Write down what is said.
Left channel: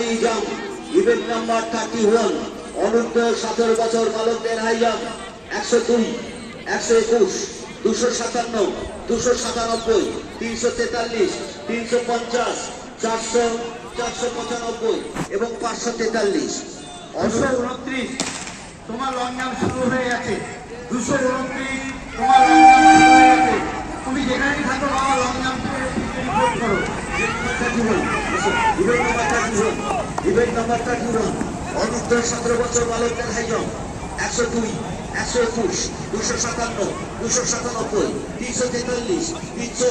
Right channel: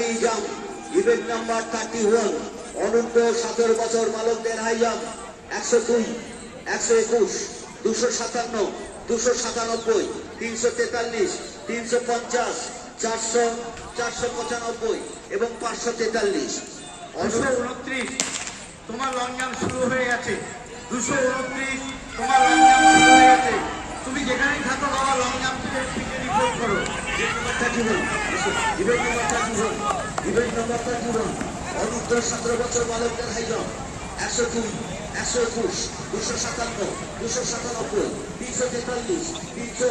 High jump event number thirty one অনূর্ধ্ব সতেরো বছর বালকদের হাই জাম্প একশো দুই একশো একুশ দুশো সাতান্ন দুশো সাতানব্বই তিনশো তেতাল্লিশ তিনশো পঞ্চাশ চারশো চারশো পঁচানব্বই এবং পাঁচশো তেতাল্লিশ। দুশো উনত্রিশ তোমার লং জাম্প শুরু হয়ে গেছে। দুশো উনত্রিশ তোমার লং জাম্প শুরু হয়ে গেছে। তুমি যেখানেই থাকো বাবা লং জাম্প করো event number thirty one event thirty one অনূর্ধ্ব সতেরো বছর বালকদের হাই জাম্প একশো দুই, একশো একুশ, দুশো সাতান্ন, দুশো সাতানব্বই, তিনশো তেতাল্লিশ, তিনশো